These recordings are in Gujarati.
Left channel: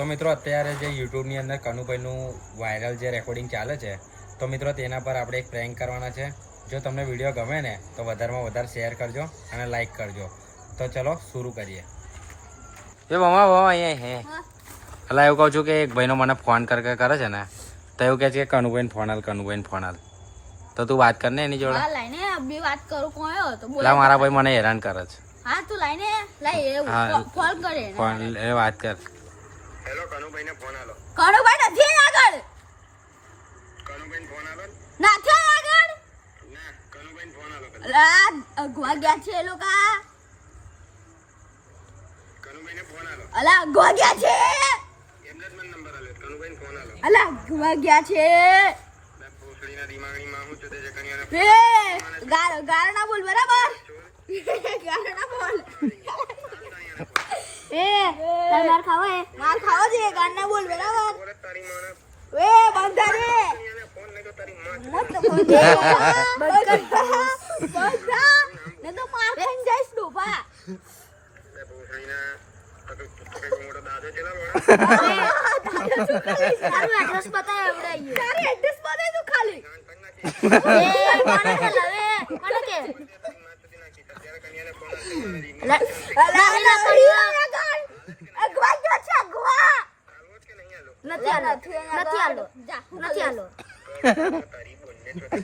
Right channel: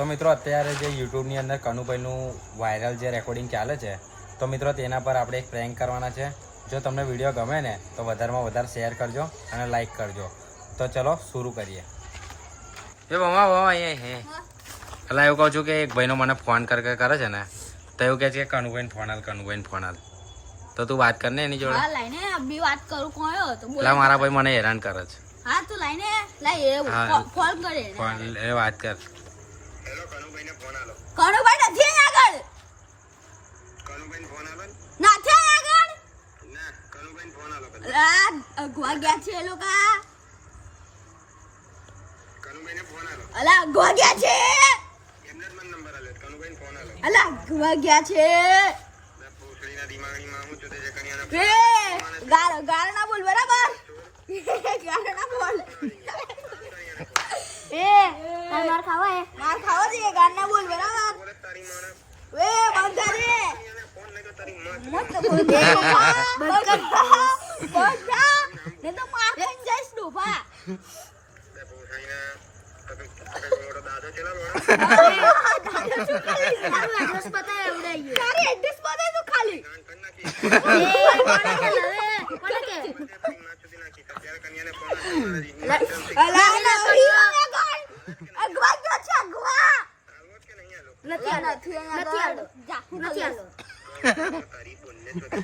તો મિત્રો અત્યારે જે યુટ્યુબની અંદર કનુભાઈનું વાયરલ જે રેકોર્ડિંગ ચાલે છે તો મિત્રો તેના પર આપણે એક પ્રેન્ક કરવાના છે. જો તમને વિડીયો ગમે ને તો વધારેમાં વધારે શેર કરજો અને લાઈક કરજો. તો ચલો શરૂ કરીએ. એ બમા અહીંયા હે એટલે એવું કહું છું કે એક ભાઈનો મને ફોન કરે છે ને તો એવું કહે છે કે કનુભાઈને ફોન હાલ તો તું વાત કર ને એની જોડે. હા લાઈને અબી વાત કરું કોયો તો બોલ. મારા ભાઈ મને હેરાન કરે છે. હા તું લાઈને લાઈ ફોન કરે ફોન એ વાત કર. હેલો કનુભાઈને ફોન આલો. કનુભાઈ નથી આગળ. કનુભાઈને ફોન આલો. નથી આગળ. ના કનુભાઈને ફોન આલો. અલા અગવા ગયા છે એ લોકો. કનુભાઈને ફોન આલો. અલા અગવા ગયા છે. એમને જ મને નંબર આલ્યો. કનુભાઈને ફોન આલો. અલા અગવા ગયા છે. ના પોસડીના દિમાગની માં હું ચોતે છે કનિયાને. એ ગાળ ના બોલ બરાબર. ગાળ ના બોલ. એ માર ખાવા દે ગાળ ના બોલ બરાબર. બોલે તારી માને. એ બંધા રે. કનિયાને ફોન નહીં તો તારી માં. ને તો માર ખાઈને જઈશ ડોફા. બે પોસડીના તકે મોટો દાદો ચલા બોલ. તારું એડ્રેસ બતાવ એવડે આઈએ. તારું એડ્રેસ બતાવ તું ખાલી. કાન કર નાખી. મને કે તારી માં ચોતી નાખી. ત્યારે કનિયાને ફોન આલો. અગવા ગયો છે અગવા. આલો કે નહીં આલો. નથી આલો. તારી બોલને ચોતે.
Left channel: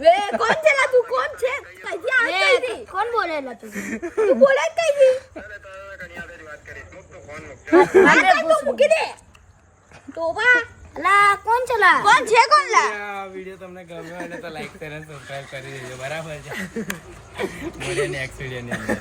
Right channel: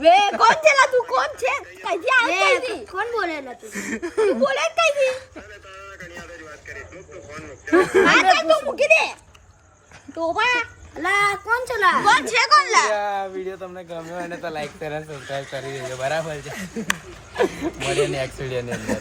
વે કોણ ચલા તું કોણ છે કઈથી આવે કઈથી કોણ બોલેલા તું બોલે કઈથી ચાલે તારા કનિયાને જ વાત કરીશ. મુક તો ફોન મુક. આ તું મૂકી દે તું બા લા કોણ ચલા કોણ છે કોણ લા આ વિડીયો તમને ગમ્યો હોય ને તો લાઈક શેર અને સબસ્ક્રાઇબ કરી દેજો. બરાબર છે. મળીએ નેક્સ્ટ વિડીયોની અંદર.